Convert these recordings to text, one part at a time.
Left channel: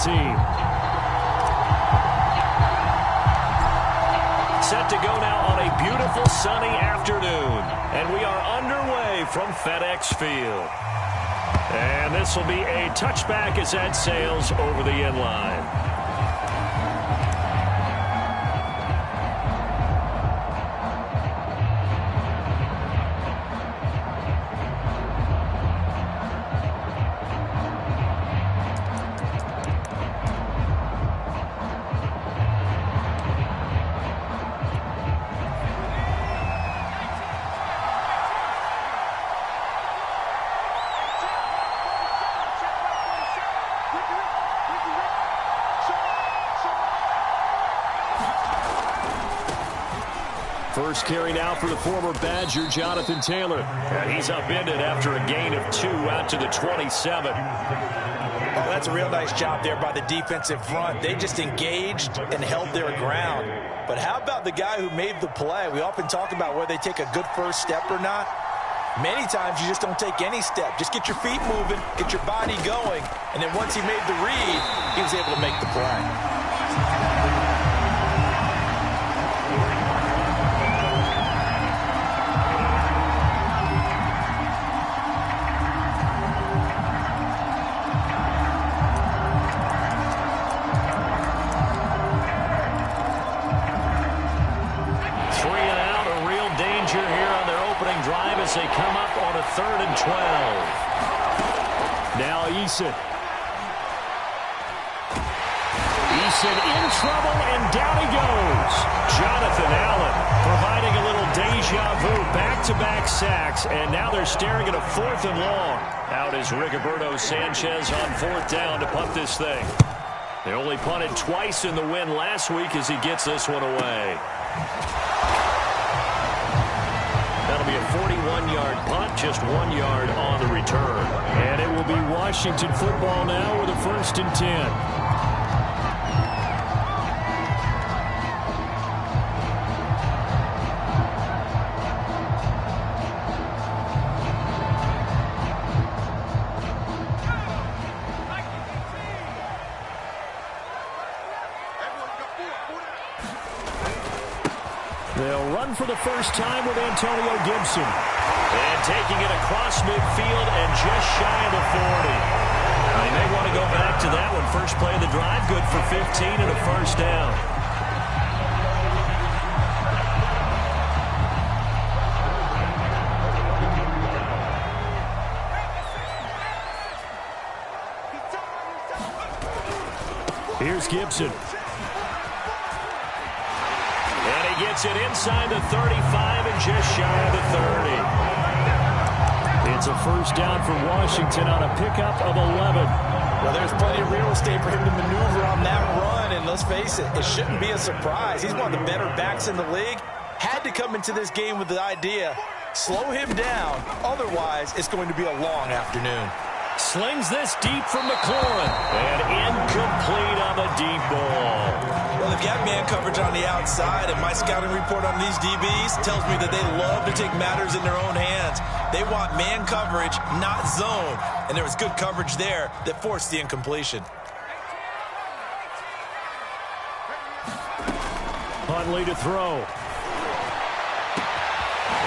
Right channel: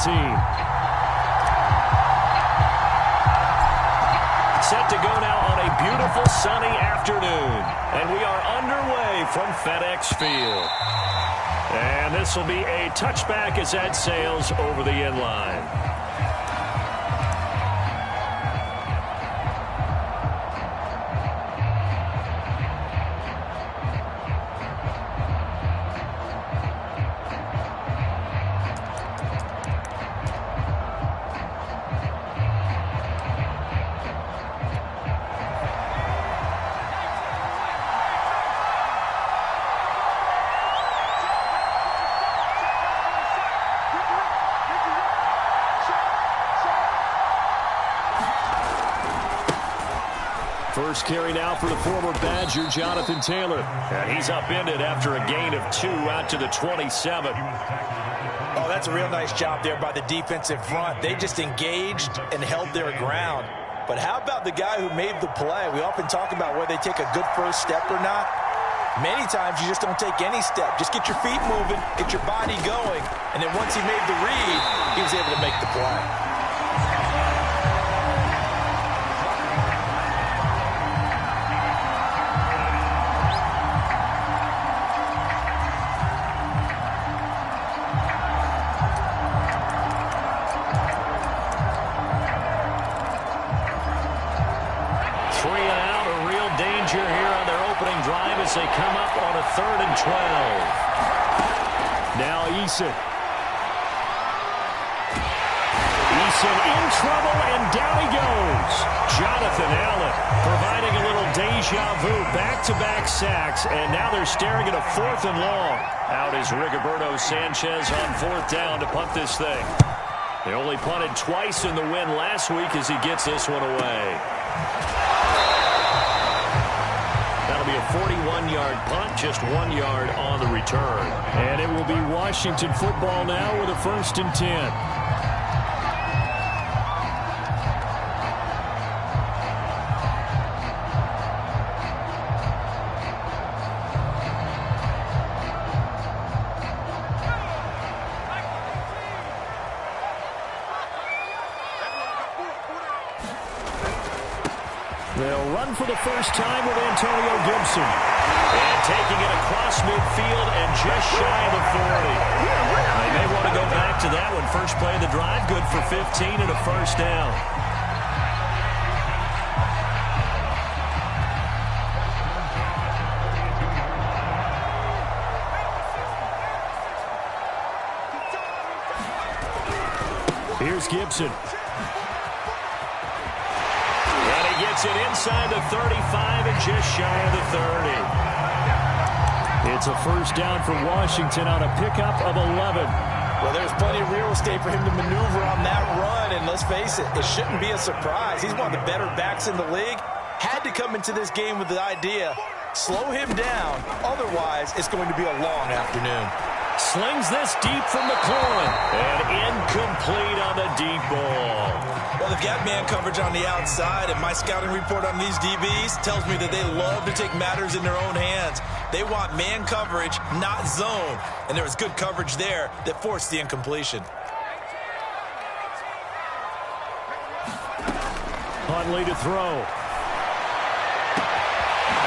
team. Set to go now on a beautiful sunny afternoon. And we are underway from FedEx Field. And this will be a touchback as that sails over the end line. First carry now for the former Badger, Jonathan Taylor. And he's upended after a gain of 2 out to the 27. Oh, that's a real nice job there by the defensive front. They just engaged and held their ground. But how about the guy who made the play? We often talk about whether they take a good first step or not. Many times you just don't take any step. Just get your feet moving, get your body going, and then once he made the read, he was able to make the play. 3 and out, a real danger here on their opening drive as they come up on a 3rd and 12. Now Eason. Eason in trouble, and down he goes. Jonathan Allen providing a little deja vu, back-to-back sacks, and now they're staring at a 4th and long. Out is Rigoberto Sanchez on 4th down to punt this thing. They only punted twice in the win last week as he gets this one away. That'll be a 41-yard punt, just 1 yard on the return. And it will be Washington football now with a 1st and 10. They'll run for the first time with Antonio Gibson. And taking it across midfield and just shy of the 40. They may want to go back to that one. First play of the drive, good for 15 and a 1st down. Here's Gibson. And he gets it inside the 35 and just shy of the 30. It's a 1st down for Washington on a pickup of 11. Well, there's plenty of real estate for him to maneuver on that run, and let's face it, it shouldn't be a surprise. He's one of the better backs in the league. Had to come into this game with the idea, slow him down, otherwise it's going to be a long afternoon. Slings this deep from McLaurin. And incomplete on the deep ball. Well, they've got man coverage on the outside, and my scouting report on these DBs tells me that they love to take matters in their own hands. They want man coverage, not zone. And there was good coverage there that forced the incompletion. Huntley to throw.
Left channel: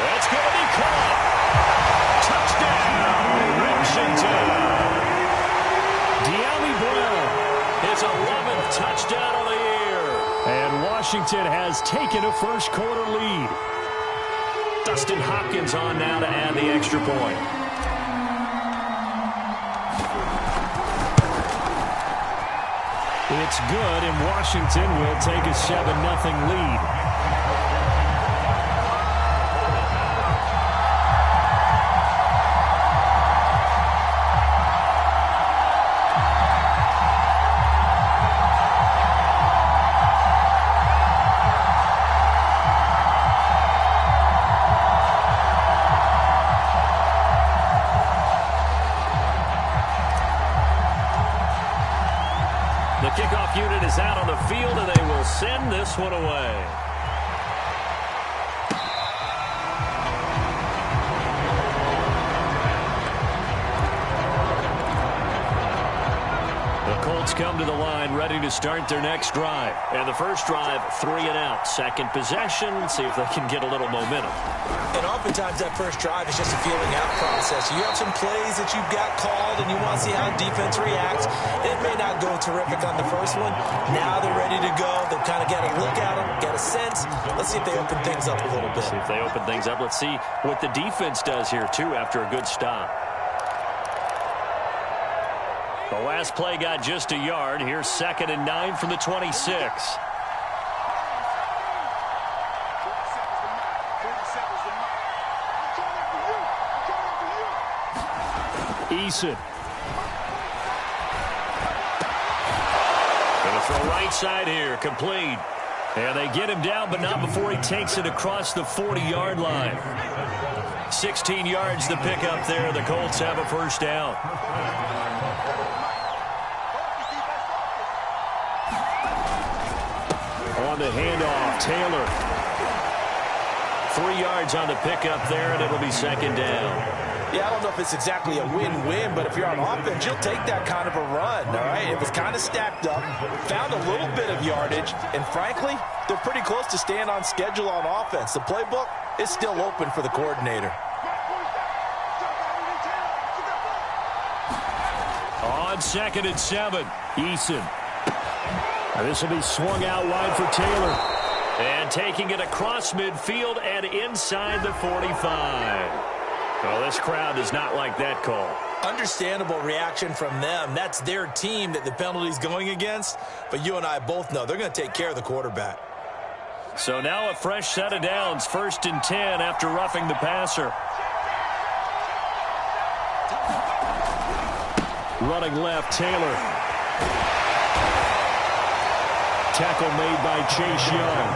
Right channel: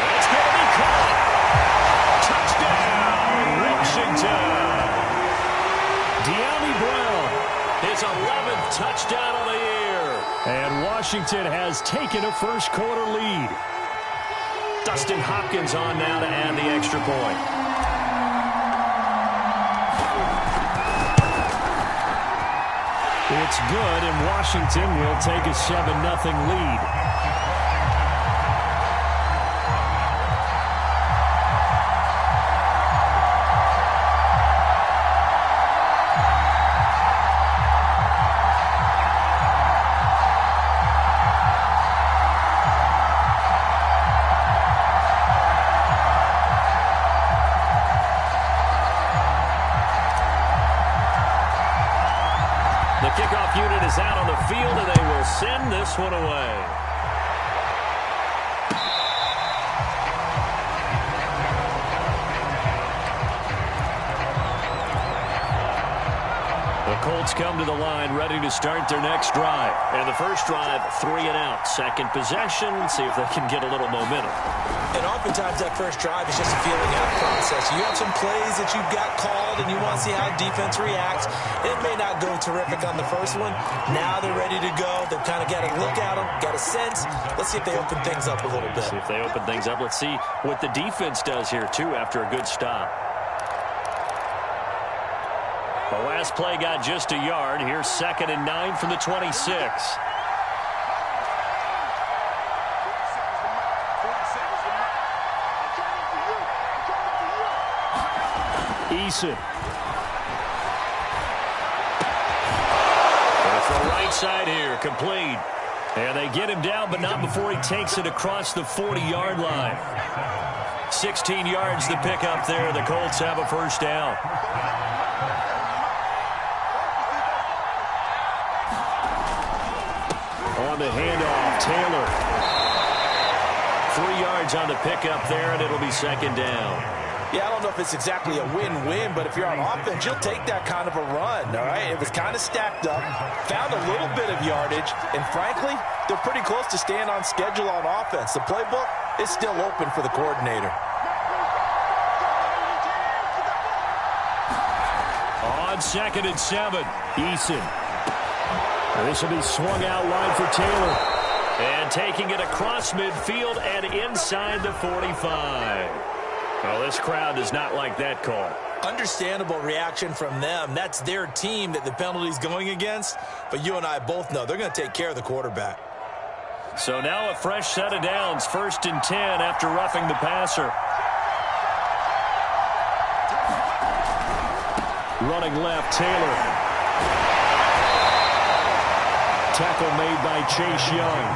That's going to be caught. Touchdown, Washington. De'Ami Brown, his 11th touchdown of the year. And Washington has taken a first-quarter lead. Dustin Hopkins on now to add the extra point. It's good, and Washington will take a 7-0 lead. The kickoff unit is out on the field, and they will send this one away. The Colts come to the line, ready to start their next drive. And the first drive, 3 and out. Second possession, see if they can get a little momentum. And oftentimes that first drive is just a feeling out process. You have some plays that you've got called, and you want to see how defense reacts. It may not go terrific on the first one. Now they're ready to go. They've kind of got a look at them, got a sense. Let's see if they open things up a little bit. See if they open things up. Let's see what the defense does here, too, after a good stop. The last play got just a yard. Here's 2nd and 9 from the 26. Eason. Going to throw right side here. Complete. And they get him down, but not before he takes it across the 40-yard line. 16 yards to pick up there. The Colts have a first down. On the handoff, Taylor. 3 yards on the pickup there, and it'll be 2nd down. Yeah, I don't know if it's exactly a win-win, but if you're on offense, you'll take that kind of a run, all right? It was kind of stacked up, found a little bit of yardage, and frankly, they're pretty close to staying on schedule on offense. The playbook is still open for the coordinator. On 2nd and 7, Eason. This will be swung out wide for Taylor. And taking it across midfield and inside the 45. Well, this crowd does not like that call. Understandable reaction from them. That's their team that the penalty's going against. But you and I both know they're going to take care of the quarterback. So now a fresh set of downs. 1st and 10 after roughing the passer. Running left, Taylor. Tackle made by Chase Young.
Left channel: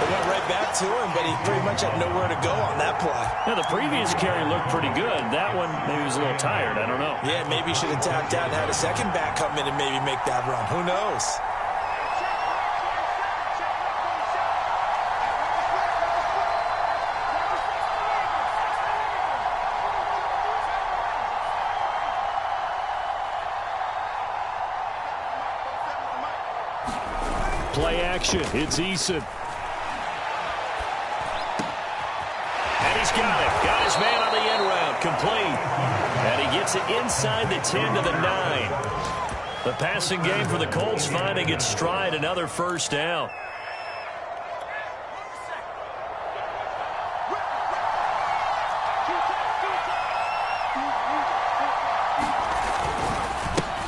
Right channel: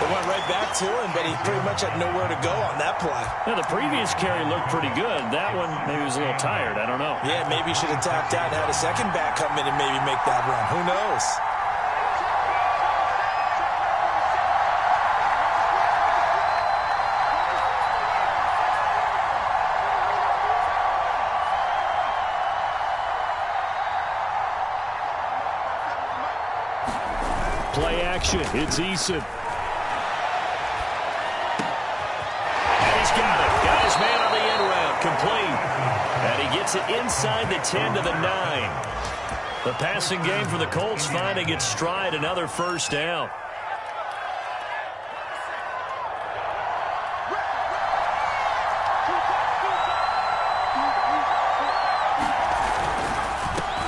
They went right back to him, but he pretty much had nowhere to go on that play. Yeah, the previous carry looked pretty good. That one, maybe he was a little tired. I don't know. Yeah, maybe he should have tapped out and had a second back come in and maybe make that run. Who knows? Play action. It's Eason. And he's got it. Got his man on the end route. Complete. And he gets it inside the 10 to the 9. The passing game for the Colts finding its stride. Another first down.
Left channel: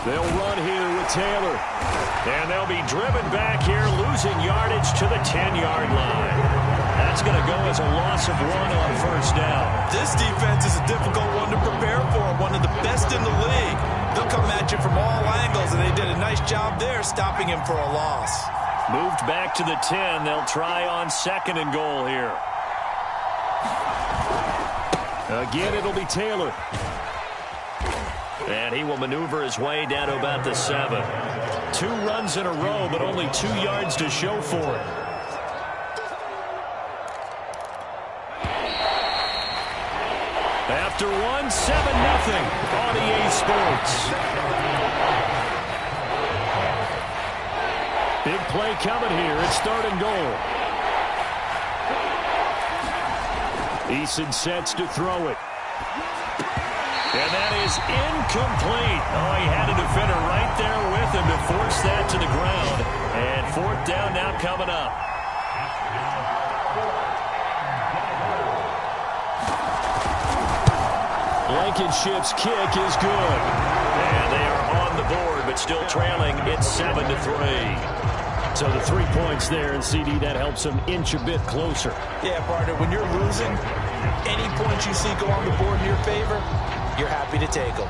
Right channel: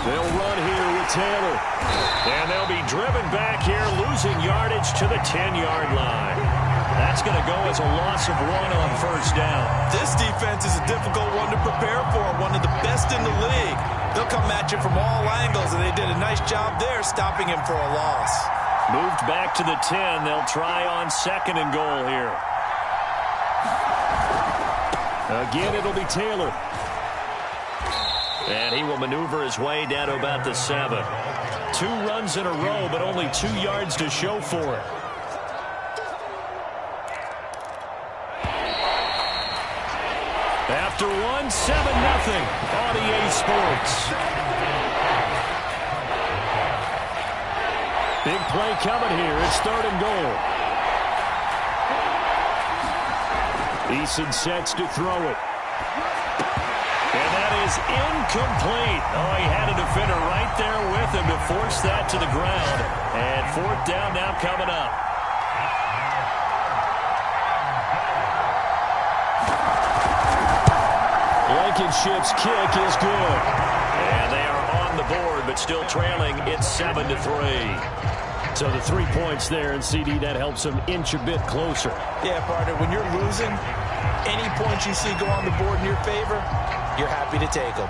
They'll run here with Taylor. And they'll be driven back here, losing yardage to the 10-yard line. That's going to go as a loss of 1 on first down. This defense is a difficult one to prepare for, one of the best in the league. They'll come at you from all angles, and they did a nice job there stopping him for a loss. Moved back to the 10. They'll try on 2nd and goal here. Again, it'll be Taylor. And he will maneuver his way down to about the 7. 2 runs in a row, but only 2 yards to show for it. After 1, 7-0 on EA Sports. Big play coming here. It's 3rd and goal. Eason sets to throw it. And that is incomplete. Oh, he had a defender right there with him to force that to the ground. And 4th down now coming up. Blankenship's kick is good. And they are on the board, but still trailing. It's 7-3. So the 3 points there, and CD, that helps them inch a bit closer. Yeah, partner, when you're losing, any points you see go on the board in your favor, you're happy to take them.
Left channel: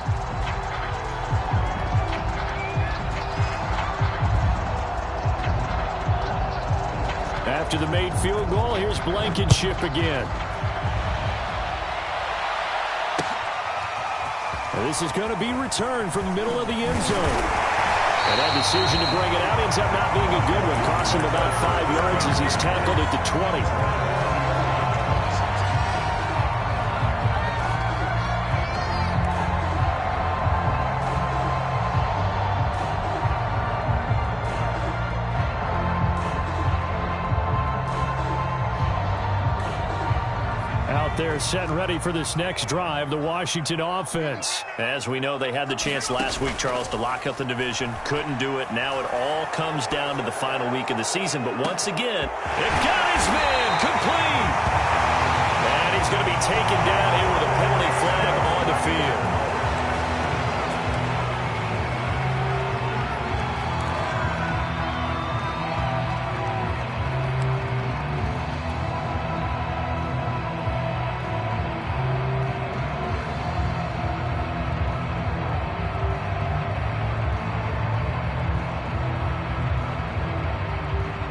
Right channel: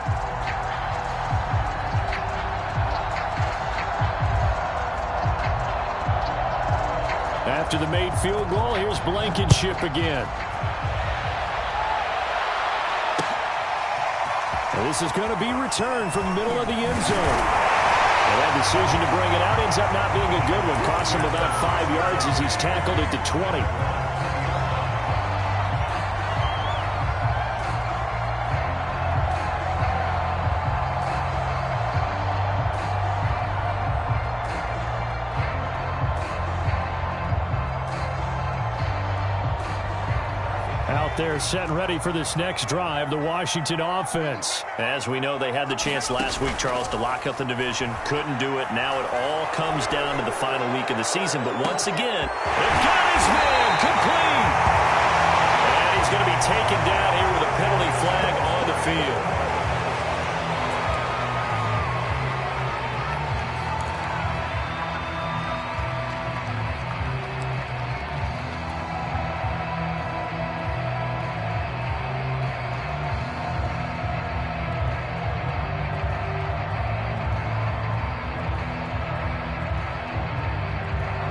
After the made field goal, here's Blankenship again. And this is going to be returned from the middle of the end zone. And that decision to bring it out ends up not being a good one. Costs him about 5 yards as he's tackled at the 20. there set and ready for this next drive, the Washington offense. As we know, they had the chance last week, Charles, to lock up the division. Couldn't do it. Now it all comes down to the final week of the season. But once again, they've got his man complete. And he's going to be taken down here with a penalty flag on the field.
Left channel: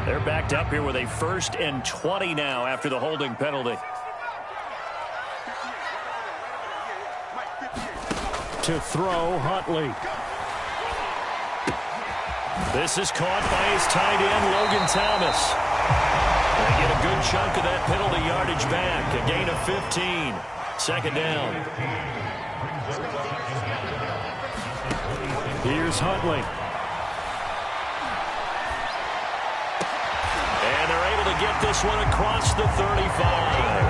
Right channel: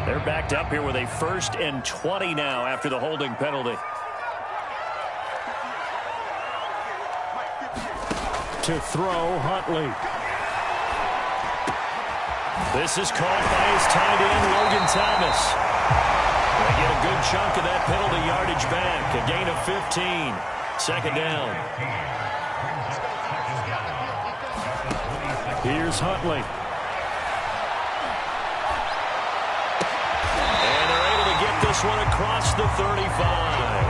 They're backed up here with a 1st and 20 now after the holding penalty. To throw, Huntley. This is caught by his tight end, Logan Thomas. They get a good chunk of that penalty yardage back. A gain of 15. 2nd down. Here's Huntley. And they're able to get this one across the 35.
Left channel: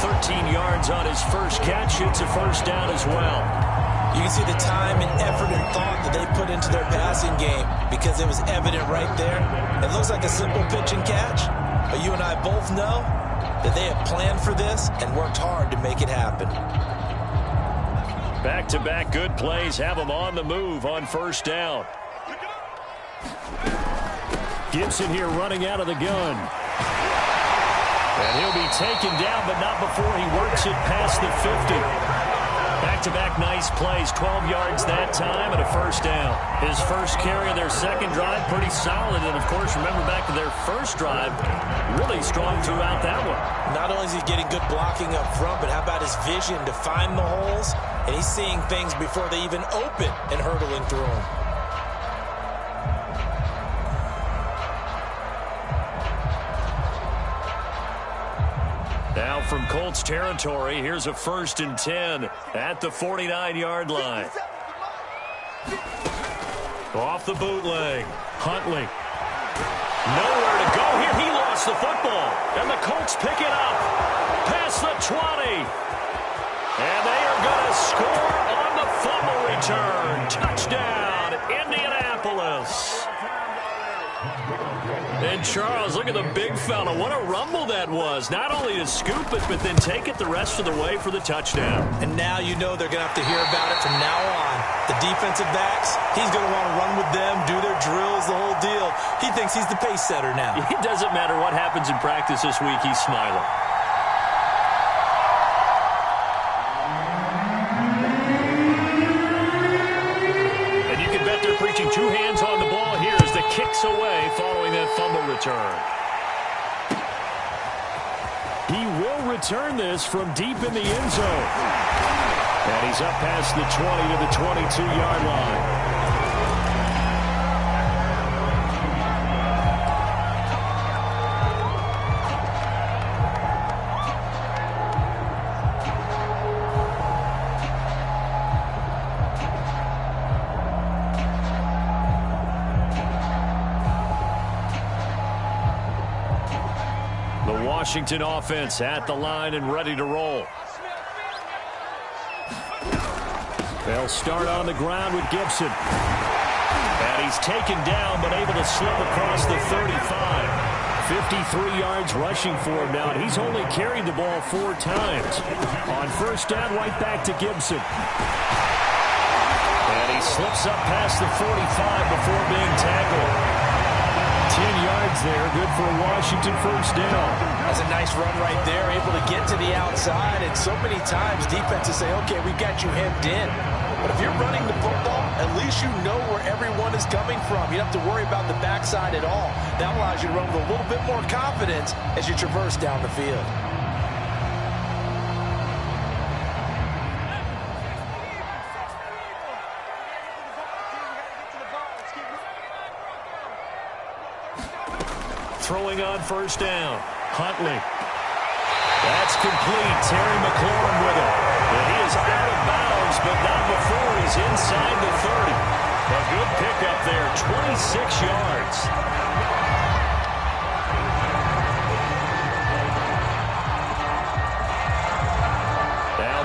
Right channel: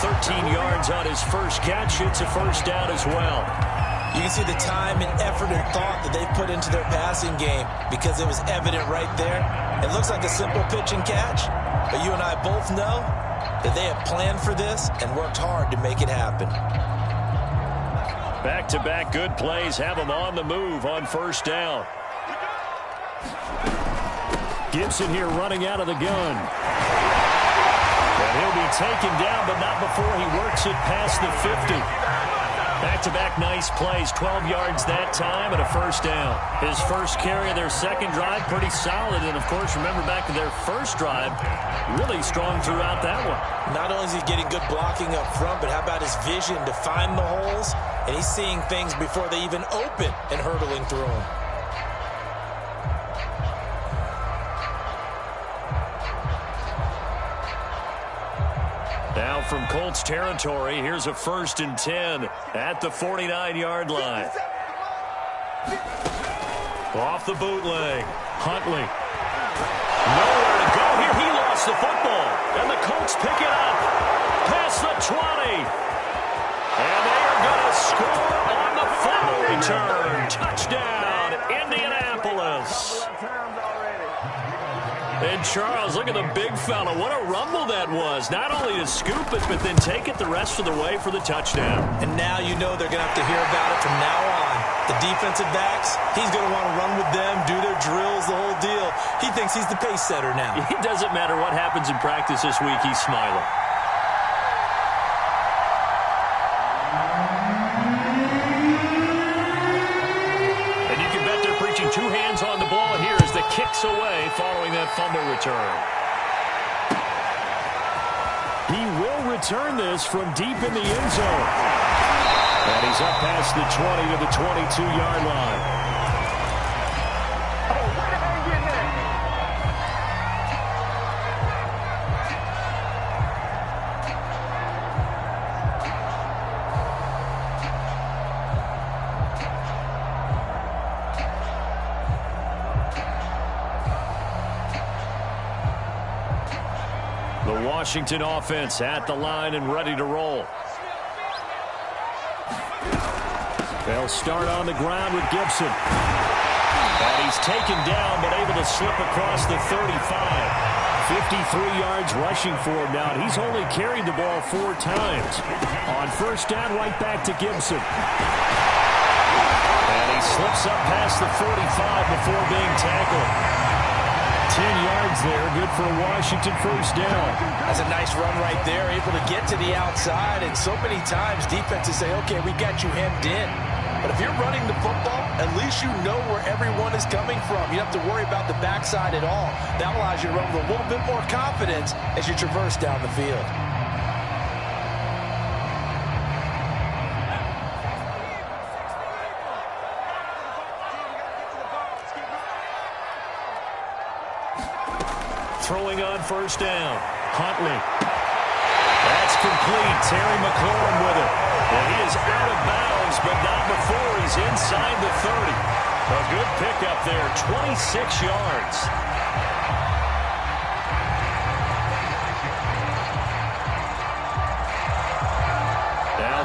13 yards on his first catch. It's a 1st down as well. You can see the time and effort and thought that they put into their passing game because it was evident right there. It looks like a simple pitch and catch, but you and I both know that they have planned for this and worked hard to make it happen. Back-to-back good plays have them on the move on 1st down. Gibson here running out of the gun. And he'll be taken down, but not before he works it past the 50. Back-to-back nice plays, 12 yards that time and a 1st down. His first carry of their 2nd drive, pretty solid. And, of course, remember back to their 1st drive, really strong throughout that one. Not only is he getting good blocking up front, but how about his vision to find the holes? And he's seeing things before they even open and hurdling through them. Now from Colts territory, here's a 1st and 10 at the 49-yard line. Off the bootleg, Huntley. Nowhere to go here. He lost the football. And the Colts pick it up past the 20. And they are going to score on the fumble return. Touchdown, Indianapolis. And Charles, look at the big fella. What a rumble that was. Not only to scoop it, but then take it the rest of the way for the touchdown. And now you know they're going to have to hear about it from now on. The defensive backs, he's going to want to run with them, do their drills, the whole deal. He thinks he's the pace setter now. It doesn't matter what happens in practice this week. He's smiling. And you can bet they're preaching 2 hands on the ball here as the kicks away following that fumble return. He will return this from deep in the end zone. And he's up past the 20 to the 22-yard line. The Washington offense at the line and ready to roll. They'll start on the ground with Gibson. And he's taken down but able to slip across the 35. 53 yards rushing for him now, and he's only carried the ball 4 times. On 1st down, right back to Gibson. And he slips up past the 45 before being tackled. 10 yards there, good for a Washington 1st down. That's a nice run right there, able to get to the outside. And so many times defenses say, okay, we got you hemmed in. But if you're running the football, at least you know where everyone is coming from. You don't have to worry about the backside at all. That allows you to run with a little bit more confidence as you traverse down the field. Throwing on 1st down. Huntley. That's complete. Terry McLaurin with it. And he is out of bounds, but not before he's inside the 30. A good pickup there, 26 yards.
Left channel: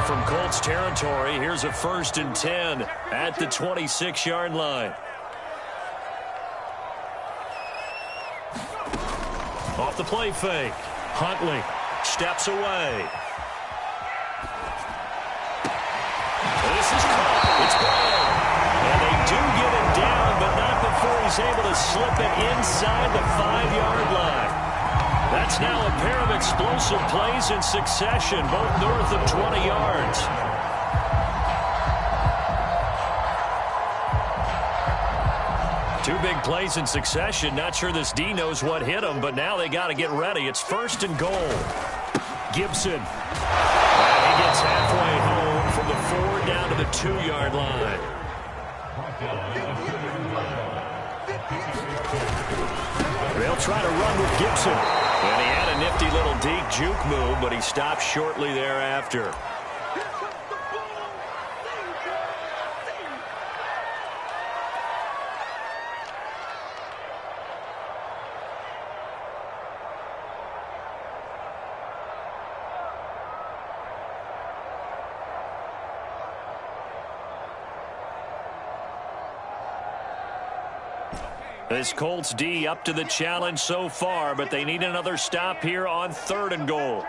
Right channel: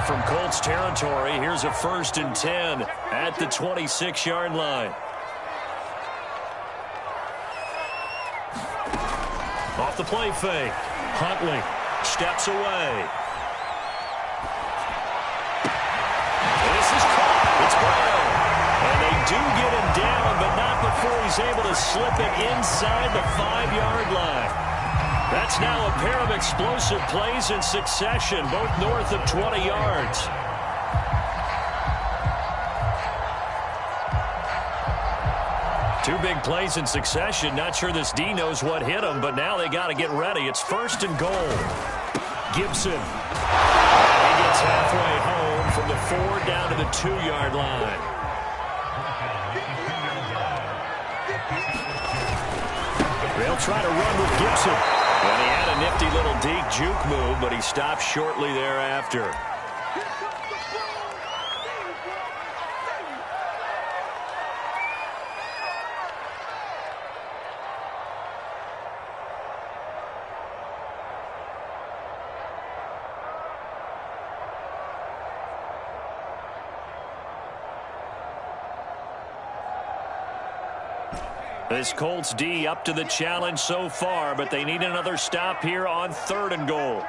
from Colts territory. Here's a 1st and 10 at the 26-yard line. Off the play fake. Huntley steps away. This is caught. It's Brown. And they do get him down, but not before he's able to slip it inside the 5-yard line. That's now a pair of explosive plays in succession, both north of 20 yards. Two big plays in succession. Not sure this D knows what hit him, but now they got to get ready. It's 1st and goal. Gibson. And he gets halfway home from the 4 down to the 2-yard line. They'll try to run with Gibson. And he had a nifty little deep juke move, but he stopped shortly thereafter. This Colts D up to the challenge so far, but they need another stop here on 3rd and goal.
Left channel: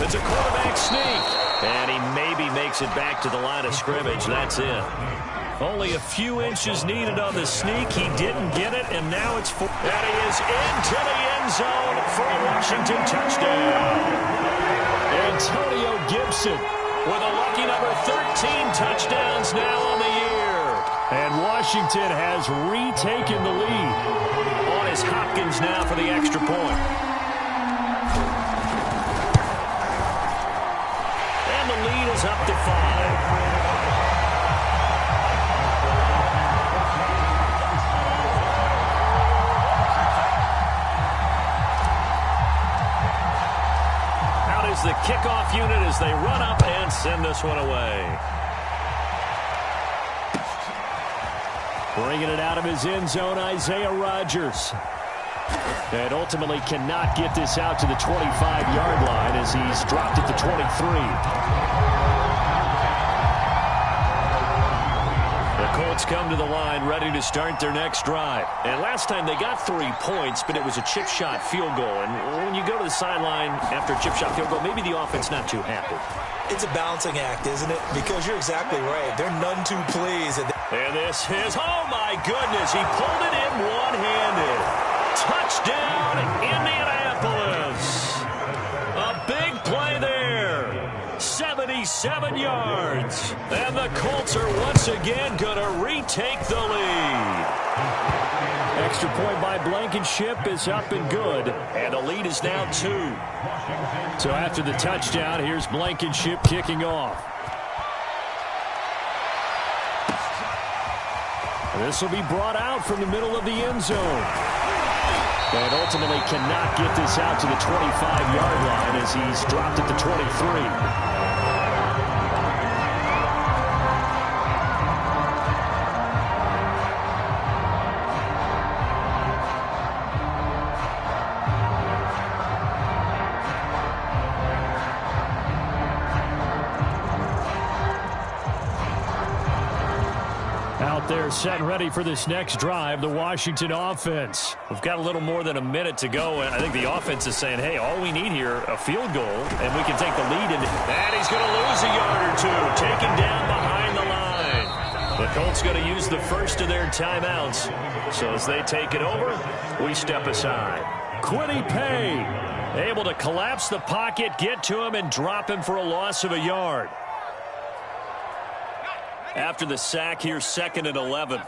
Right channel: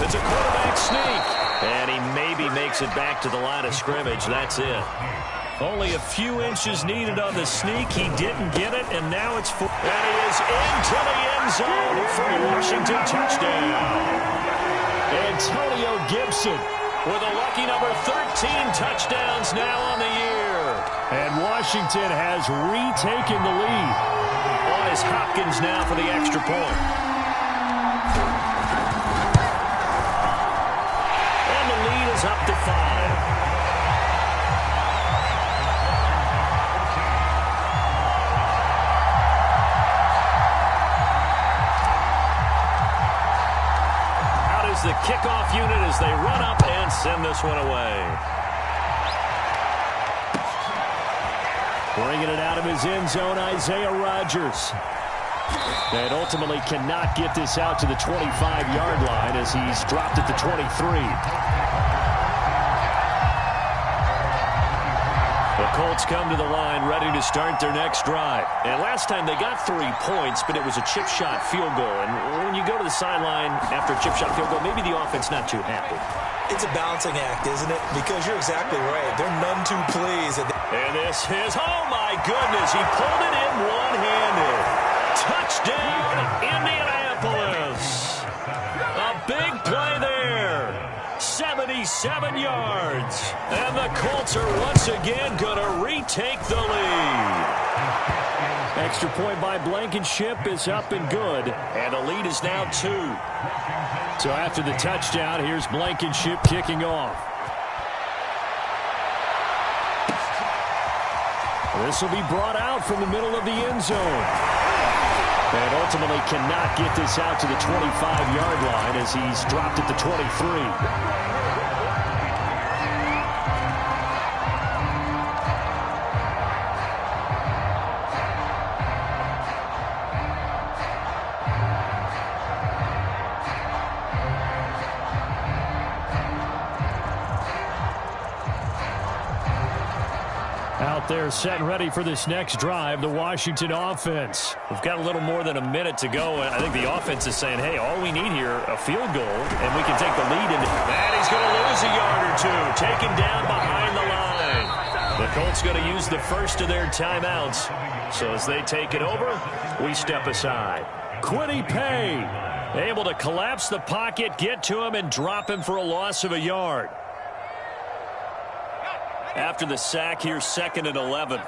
It's a quarterback sneak, and he maybe makes it back to the line of scrimmage. That's it. Only a few inches needed on the sneak. He didn't get it, and now it's 4. And he is into the end zone for a Washington touchdown. Antonio Gibson with a lucky number 13 touchdowns now on the year. And Washington has retaken the lead. On is Hopkins now for the extra point. And the lead is up to 5. Out is the kickoff unit as they run up and send this one away. Bringing it out of his end zone, Isaiah Rodgers. And ultimately cannot get this out to the 25-yard line as he's dropped at the 23. The Colts come to the line ready to start their next drive. And last time they got 3 points, but it was a chip shot field goal. And when you go to the sideline after a chip shot field goal, maybe the offense not too happy. It's a balancing act, isn't it? Because you're exactly right. They're none too pleased. And this is, oh my goodness, he pulled it in one-handed. Touchdown, Indianapolis. A big play there. 77 yards. And the Colts are once again going to retake the lead. Extra point by Blankenship is up and good. And the lead is now 2. So after the touchdown, here's Blankenship kicking off. This will be brought out from the middle of the end zone. And ultimately cannot get this out to the 25-yard line as he's dropped at the 23. Out there set and ready for this next drive, the Washington offense. We've got a little more than a minute to go, and I think the offense is saying, hey, all we need here, a field goal, and we can take the lead. And he's going to lose a yard or two, taken down behind the line. The Colts going to use the first of their timeouts. So as they take it over, we step aside. Kwity Paye able to collapse the pocket, get to him, and drop him for a loss of a yard. After the sack, here's 2nd and 11.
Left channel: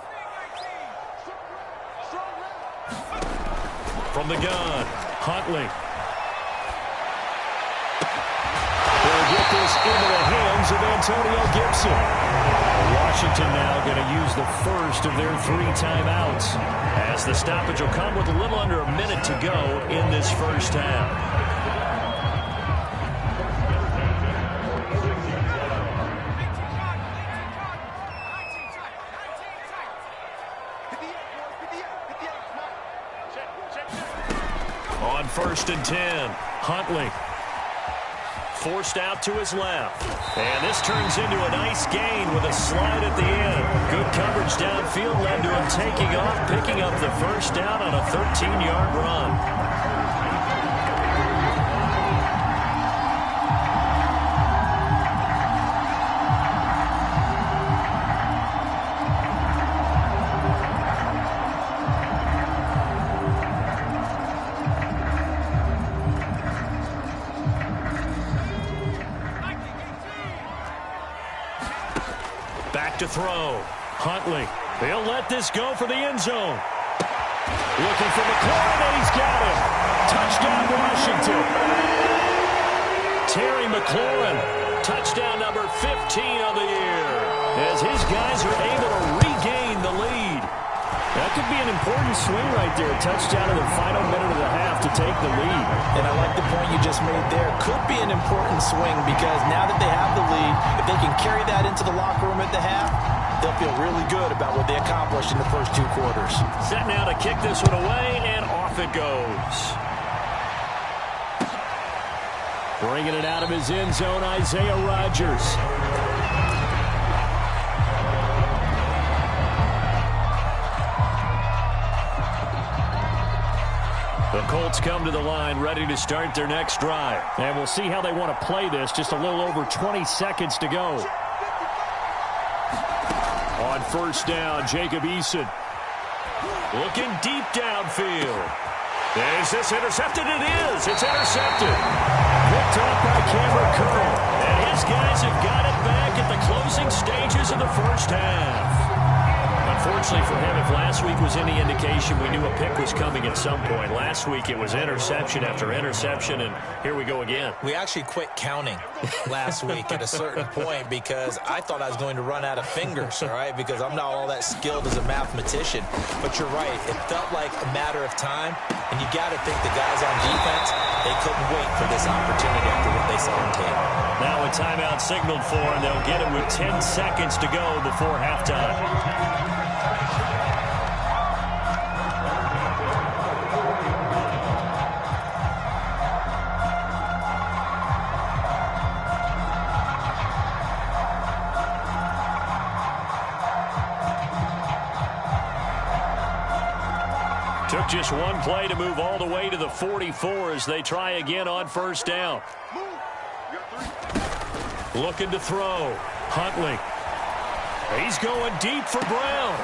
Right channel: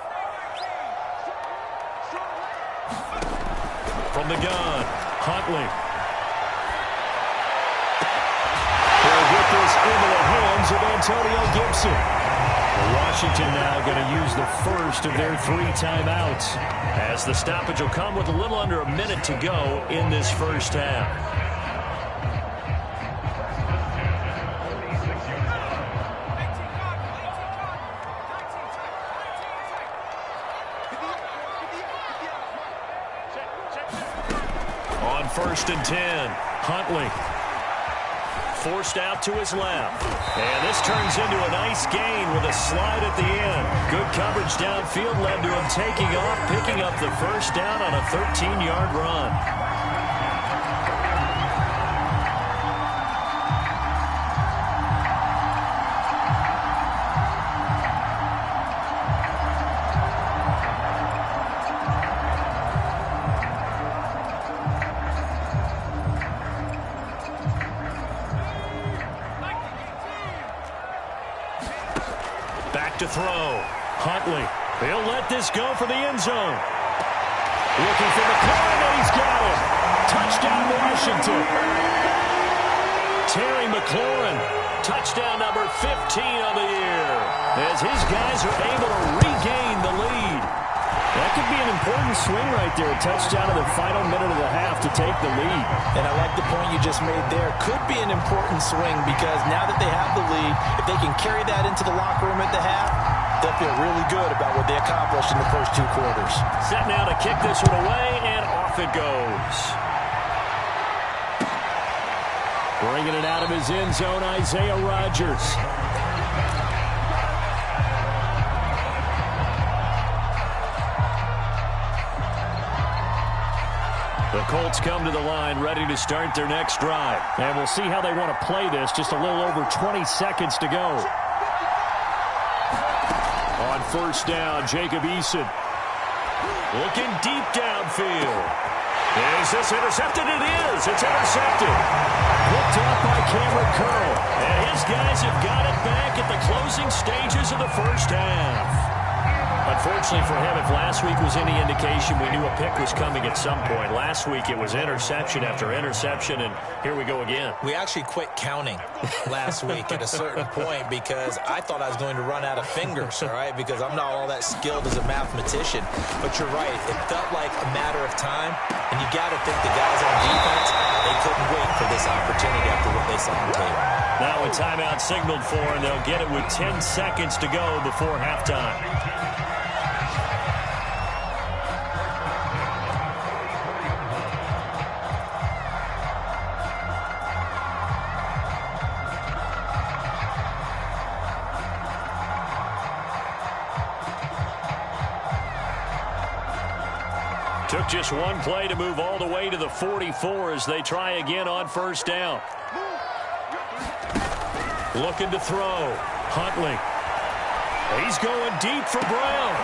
From the gun, Huntley. They'll get this into the hands of Antonio Gibson. Washington now going to use the first of their 3 timeouts, as the stoppage will come with a little under a minute to go in this first half. On 1st and 10, Huntley. forced out to his left. And this turns into a nice gain with a slide at the end. Good coverage downfield led to him taking off, picking up the first down on a 13-yard run. Back to throw. Huntley. He'll let this go for the end zone. Looking for McLaurin, and he's got him. Touchdown, Washington. Terry McLaurin. Touchdown number 15 on the year. As his guys are able to regain the lead. That could be an important swing right there. A touchdown in the final minute of the half to take the lead. And I like the point you just made there. Could be an important swing because now that they have the lead, if they can carry that into the locker room at the half, they'll feel really good about what they accomplished in the first 2 quarters. Set now to kick this one away, and off it goes. Bringing it out of his end zone, Isaiah Rodgers. The Colts come to the line ready to start their next drive. And we'll see how they want to play this. Just a little over 20 seconds to go. On first down, Jacob Eason. Looking deep downfield. Is this intercepted? It is. It's intercepted. Picked off by Cameron Curl. And his guys have got it back at the closing stages of the first half. Unfortunately for him, if last week was any indication, we knew a pick was coming at some point. Last week it was interception after interception, and here we go again. We actually quit counting last week at a certain point because I thought I was going to run out of fingers, all right, because I'm not all that skilled as a mathematician. But you're right. It felt like a matter of time, and you got to think the guys on defense, they couldn't wait for this opportunity after what they saw on tape. Now a timeout signaled for, and they'll get it with 10 seconds to go before halftime. Took just one play to move all the way to the 44 as they try again on first down. Looking to throw. Huntley. He's going deep for Brown.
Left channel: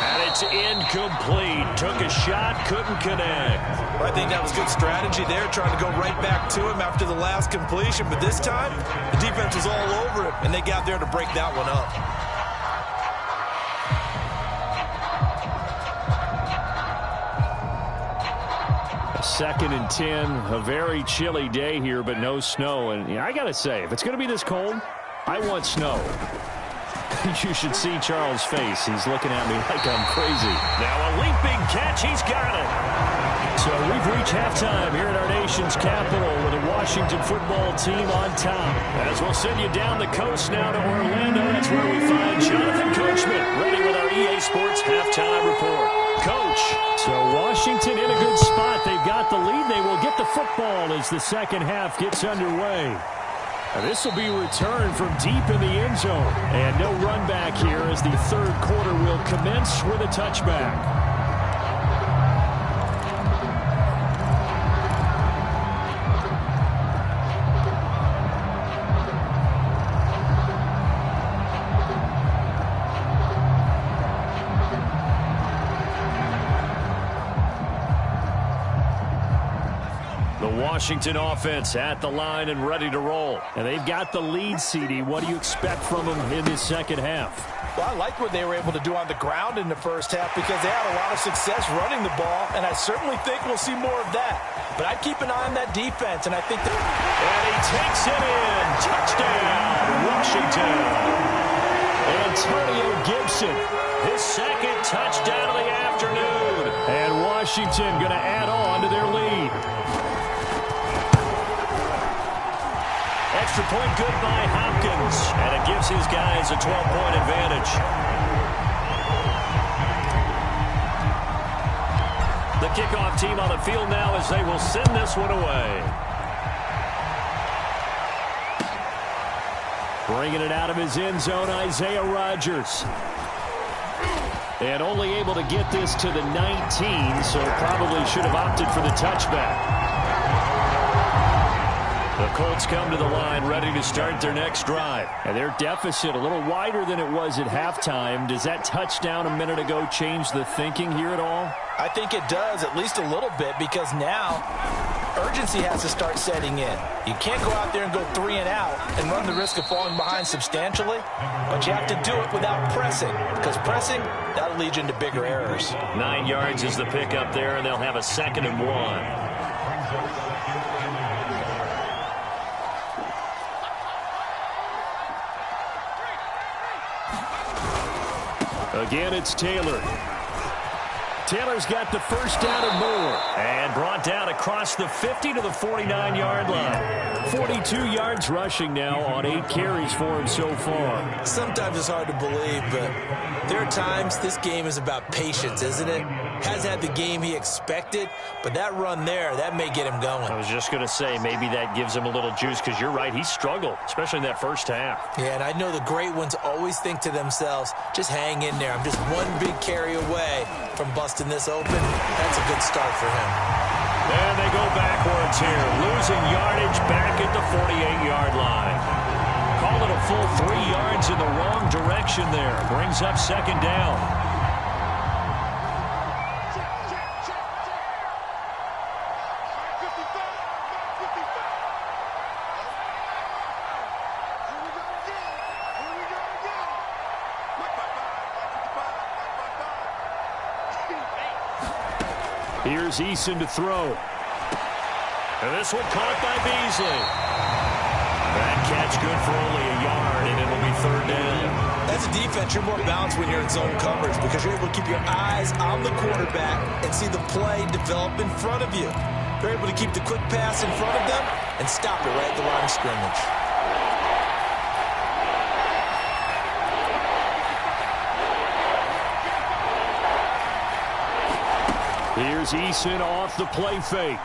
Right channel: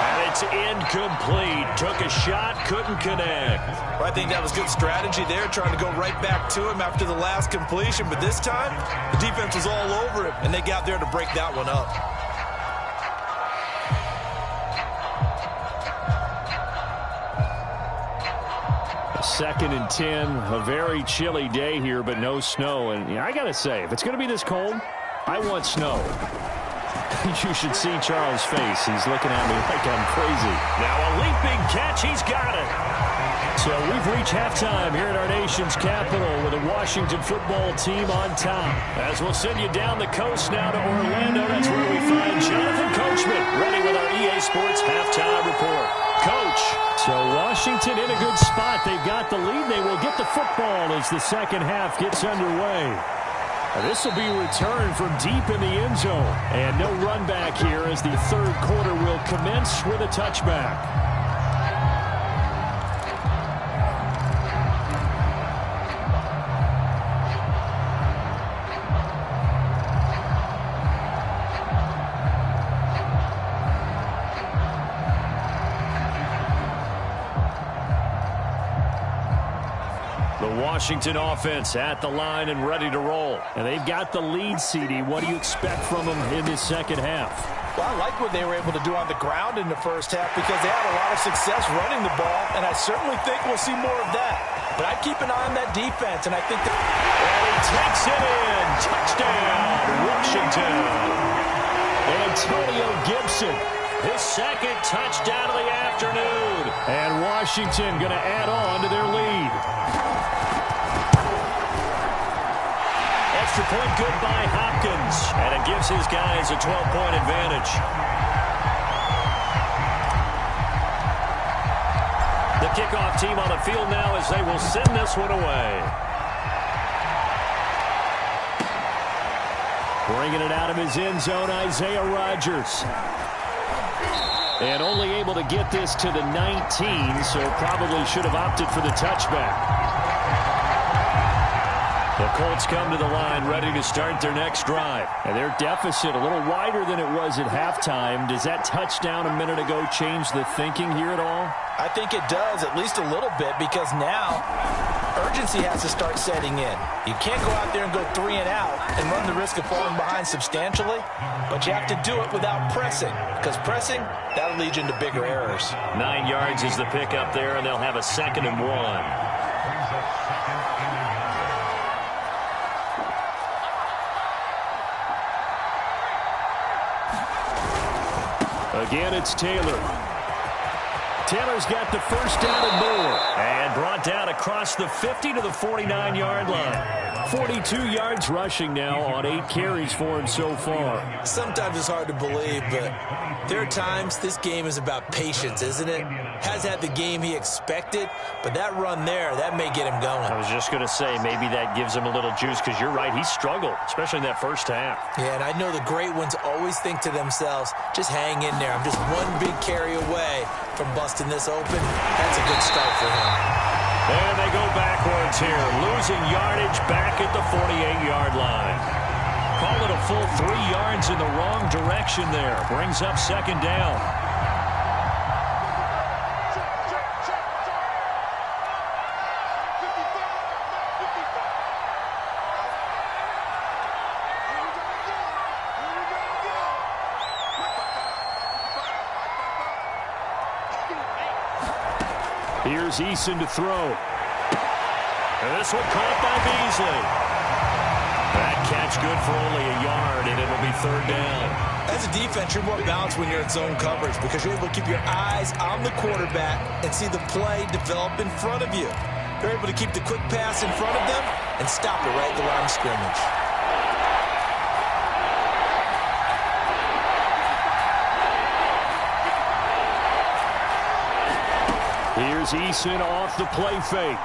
And it's incomplete. Took a shot, couldn't connect. Well, I think that was good strategy there, trying to go right back to him after the last completion. But this time, the defense was all over him, and they got there to break that one up. Second and 10, a very chilly day here, but no snow. And I got to say, if it's going to be this cold, I want snow. You should see Charles' face. He's looking at me like I'm crazy. Now a leaping catch. He's got it. So we've reached halftime here at our nation's capital with the Washington football team on top. As we'll send you down the coast now to Orlando. That's where we find Jonathan Coachman ready with our EA Sports halftime report. Coach. So Washington in a good spot. They've got the lead. They will get the football as the second half gets underway. This will be returned from deep in the end zone. And no run back here as the third quarter will commence with a touchback. The Washington offense at the line and ready to roll. And they've got the lead, CD. What do you expect from them in this second half? Well, I like what they were able to do on the ground in the first half because they had a lot of success running the ball, and I certainly think we'll see more of that. But I'd keep an eye on that defense, and I think that... And he takes it in. Touchdown, Washington. Antonio Gibson, his second touchdown of the afternoon. And Washington going to add on to their lead. Extra point good by Hopkins. And it gives his guys a 12-point advantage. The kickoff team on the field now as they will send this one away. Bringing it out of his end zone, Isaiah Rodgers. And only able to get this to the 19, so probably should have opted for the touchback. The Colts come to the line ready to start their next drive. And their deficit a little wider than it was at halftime. Does that touchdown a minute ago change the thinking here at all? I think it does, at least a little bit, because now urgency has to start setting in. You can't go out there and go 3 and out and run the risk of falling behind substantially, but you have to do it without pressing, because pressing, that'll lead you into bigger errors. 9 yards is the pickup there, and they'll have a 2nd and 1. Again, it's Taylor. Taylor's got the first down and more. And brought down across the 50 to the 49-yard line. 42 yards rushing now on 8 carries for him so far. Sometimes it's hard to believe, but there are times this game is about patience, isn't it? Has had the game he expected, but that run there, that may get him going. I was just going to say, maybe that gives him a little juice, because you're right, he struggled, especially in that first half. Yeah, and I know the great ones always think to themselves, just hang in there. I'm just one big carry away from busting this open. That's a good start for him. And they go backwards here, losing yardage back at the 48-yard line. Call it a full 3 yards in the wrong direction there. Brings up 2nd down. Here's Eason to throw. And this one caught by Beasley. That catch good for only a yard, and it'll be 3rd down. As a defense, you're more balanced when you're in zone coverage because you're able to keep your eyes on the quarterback and see the play develop in front of you. You're able to keep the quick pass in front of them and stop it right at the line of scrimmage. Here's Eason off the play fake.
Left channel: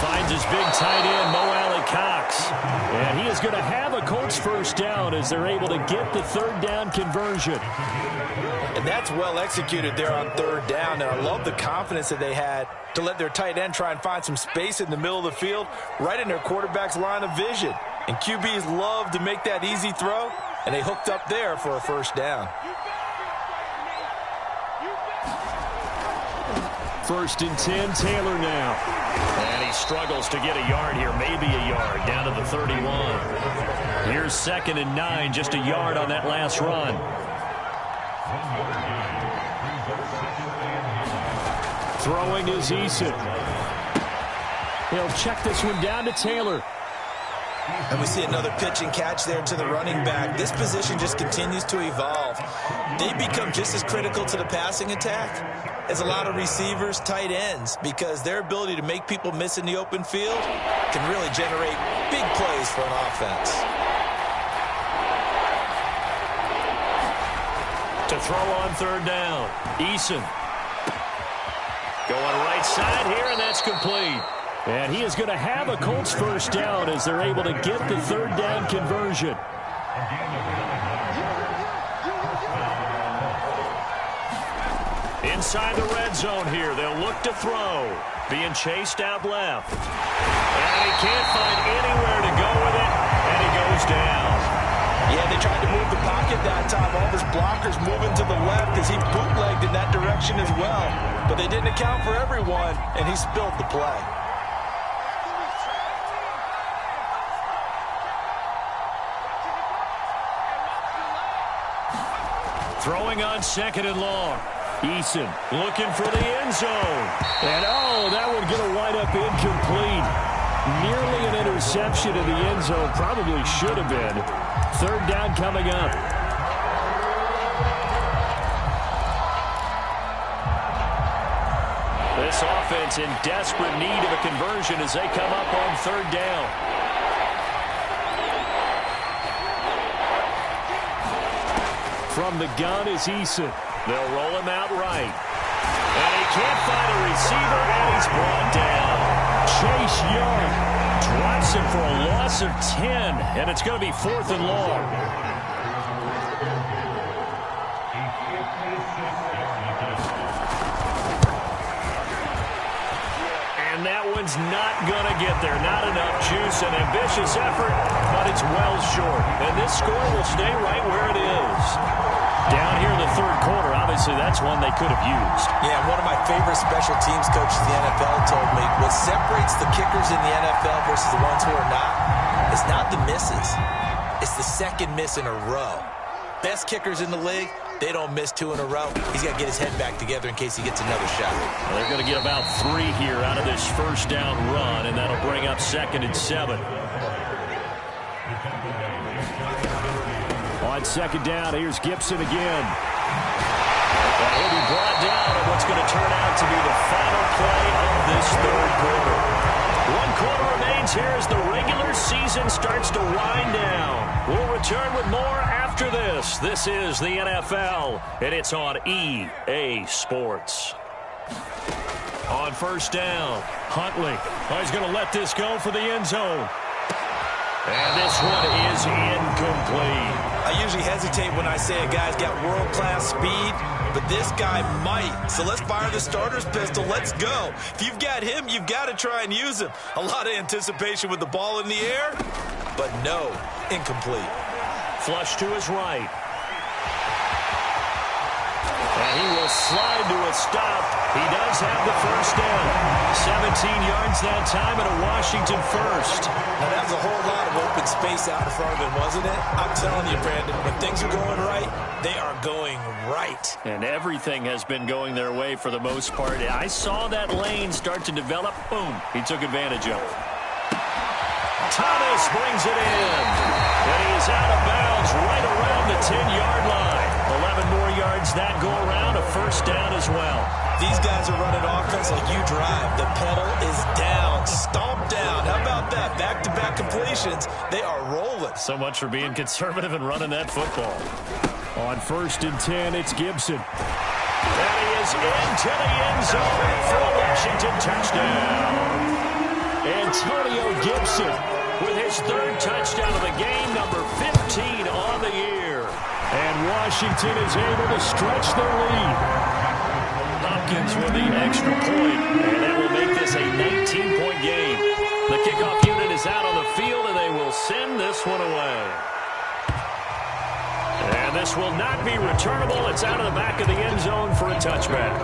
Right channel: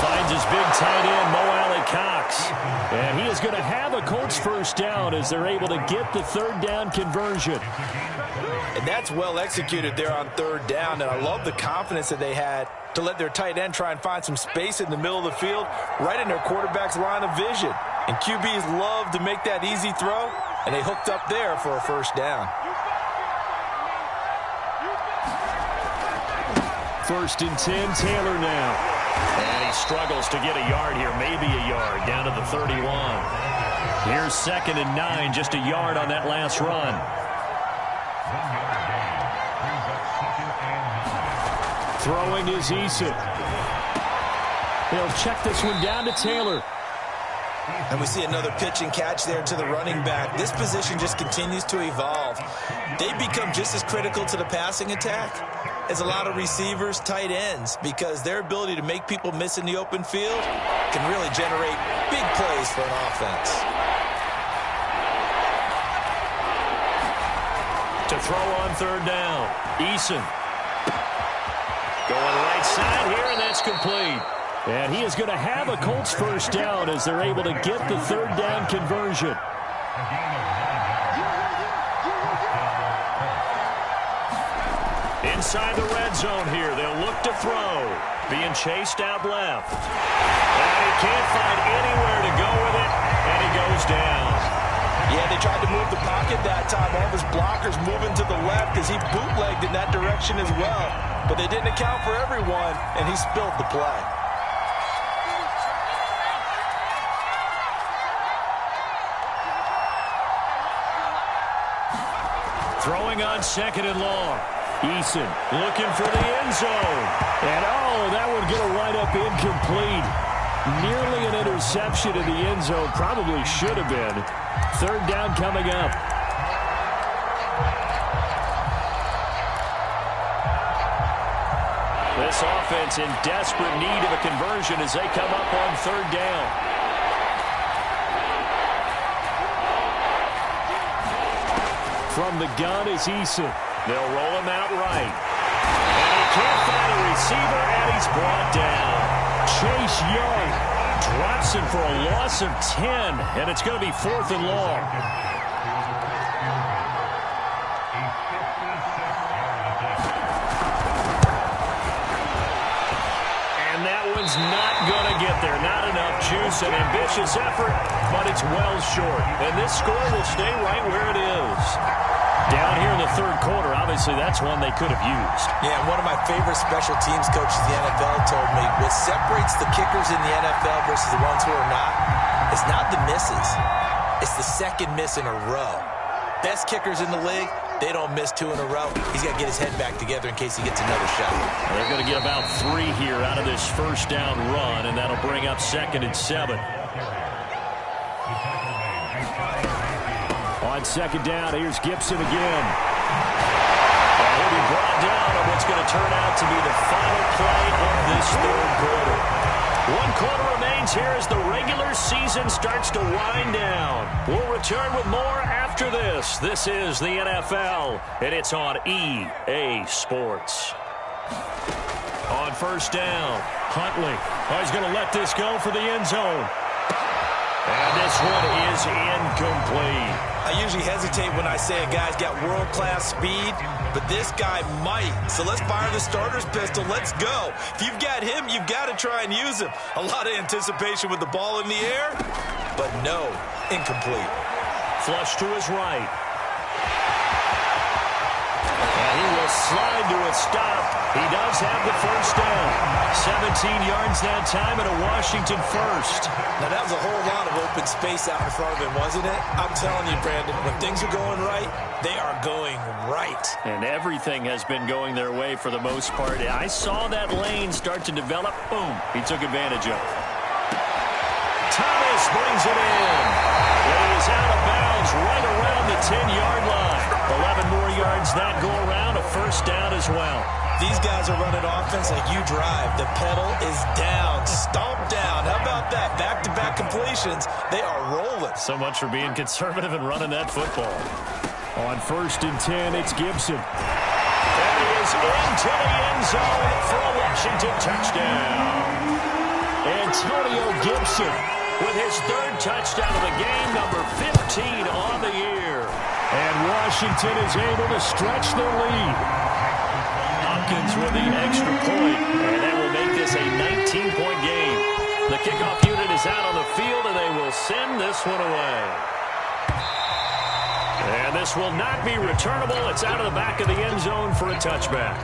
Finds his big tight end, Mo Alley-Cox. And he is going to have a Colts first down as they're able to get the 3rd down conversion. And that's well executed there on 3rd down. And I love the confidence that they had to let their tight end try and find some space in the middle of the field, right in their quarterback's line of vision. And QBs love to make that easy throw, and they hooked up there for a first down. 1st and 10, Taylor now. And he struggles to get a yard here, maybe a yard, down to the 31. Here's 2nd and 9, just a yard on that last run. Throwing is Eason. He'll check this one down to Taylor. And we see another pitch and catch there to the running back. This position just continues to evolve. They become just as critical to the passing attack as a lot of receivers, tight ends, because their ability to make people miss in the open field can really generate big plays for an offense. To throw on 3rd down, Eason. Going right side here, and that's complete. And he is going to have a Colts first down as they're able to get the 3rd down conversion. Inside the red zone here, they'll look to throw. Being chased out left. And he can't find anywhere to go with it, and he goes down. Yeah, they tried to move the pocket that time. All of his blockers moving to the left as he bootlegged in that direction as well. But they didn't account for everyone, and he spilled the play. Throwing on 2nd and long. Eason looking for the end zone. And, oh, that would get a wind up incomplete. Nearly an interception in the end zone. Probably should have been. 3rd down coming up. This offense in desperate need of a conversion as they come up on 3rd down. From the gun is Eason. They'll roll him out right. And he can't find a receiver, and he's brought down. Chase Young Drops it for a loss of 10, and it's going to be 4th and long. And that one's not going to get there. Not enough juice. An ambitious effort, but it's well short. And this score will stay right where it is. Down here in the third quarter, obviously that's one they could have used. Yeah, one of my favorite special teams coaches in the NFL told me what separates the kickers in the NFL versus the ones who are not is not the misses. It's the second miss in a row. Best kickers in the league, they don't miss 2 in a row. He's got to get his head back together in case he gets another shot. Well, they're going to get about 3 here out of this first down run, and that'll bring up 2nd and 7. On 2nd down, here's Gibson again. And he'll be brought down on what's going to turn out to be the final play of this third quarter. 1 quarter remains here as the regular season starts to wind down. We'll return with more after this. This is the NFL, and it's on EA Sports. On 1st down, Huntley. Oh, he's going to let this go for the end zone. And this one is incomplete. I usually hesitate when I say a guy's got world-class speed, but this guy might. So let's fire the starter's pistol. Let's go. If you've got him, you've got to try and use him. A lot of anticipation with the ball in the air, but no, incomplete. Flush to his right. And he will slide to a stop. He does have the first down. 17 yards that time and a Washington first. Now, that was a whole lot of open space out in front of him, wasn't it? I'm telling you, Brandon, when things are going right, they are going right. And everything has been going their way for the most part. I saw that lane start to develop. Boom. He took advantage of it. Thomas brings it in. And he is out of bounds right around the 10-yard line. 11 more yards that go around, a first down as well. These guys are running offense like you drive. The pedal is down, stomp down. How about that? Back-to-back completions. They are rolling. So much for being conservative and running that football. On 1st and 10, it's Gibson. And he is into the end zone for a Washington touchdown. Antonio Gibson with his 3rd touchdown of the game, number 15 on the year. And Washington is able to stretch their lead. Hopkins with the extra point, and that will make this a 19-point game. The kickoff unit is out on the field, and they will send this one away. And this will not be returnable. It's out of the back of the end zone for a touchback.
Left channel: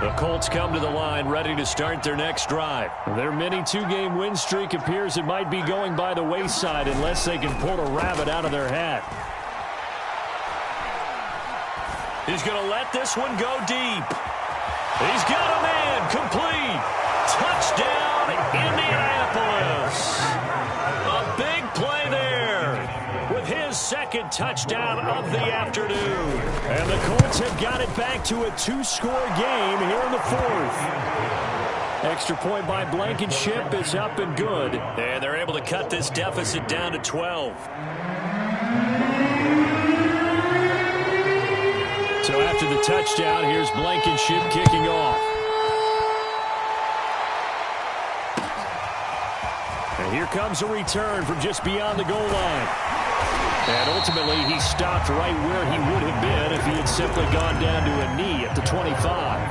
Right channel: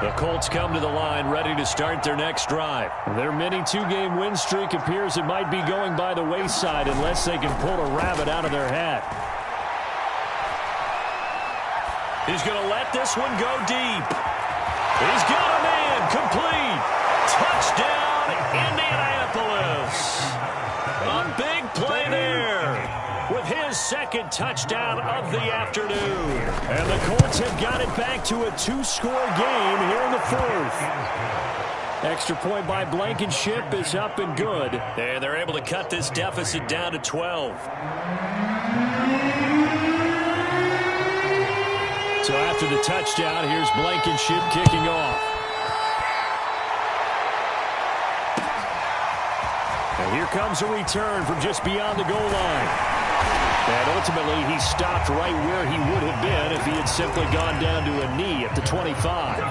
The Colts come to the line ready to start their next drive. Their mini 2-game win streak appears it might be going by the wayside unless they can pull a rabbit out of their hat. He's going to let this one go deep. He's got a man complete. Touchdown, Indianapolis. A big play there with his 2nd touchdown of the afternoon. And the Colts have got it back to a 2-score game here in the 4th. Extra point by Blankenship is up and good. And they're able to cut this deficit down to 12. So after the touchdown, here's Blankenship kicking off. And here comes a return from just beyond the goal line. And ultimately, he stopped right where he would have been if he had simply gone down to a knee at the 25.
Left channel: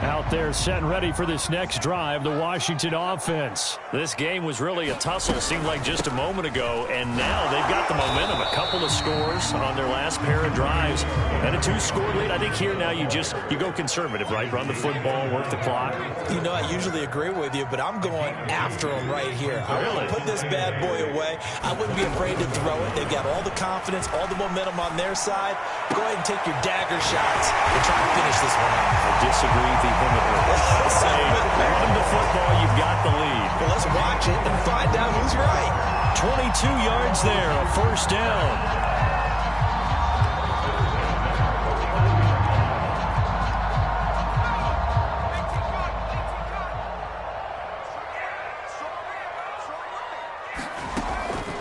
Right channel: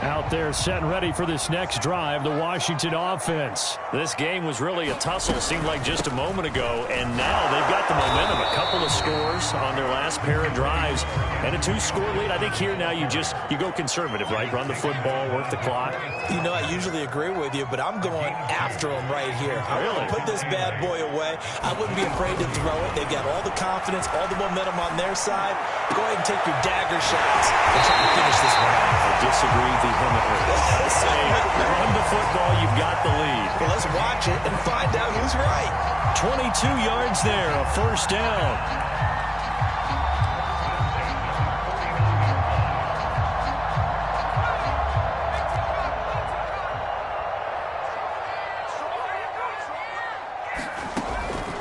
Out there set and ready for this next drive, the Washington offense. This game was really a tussle, seemed like just a moment ago, and now they've got the momentum. A couple of scores on their last pair of drives and a 2-score lead. I think here now you go conservative, right? Run the football, work the clock. You know, I usually agree with you, but I'm going after them right here. I want to put this bad boy away. I wouldn't be afraid to throw it. They've got all the confidence, all the momentum on their side. Go ahead and take your dagger shots and try to finish this one off. I disagree vehemently. Say, run the football, you've got the lead. Well, let's watch it and find out who's right. 22 yards there, a first down.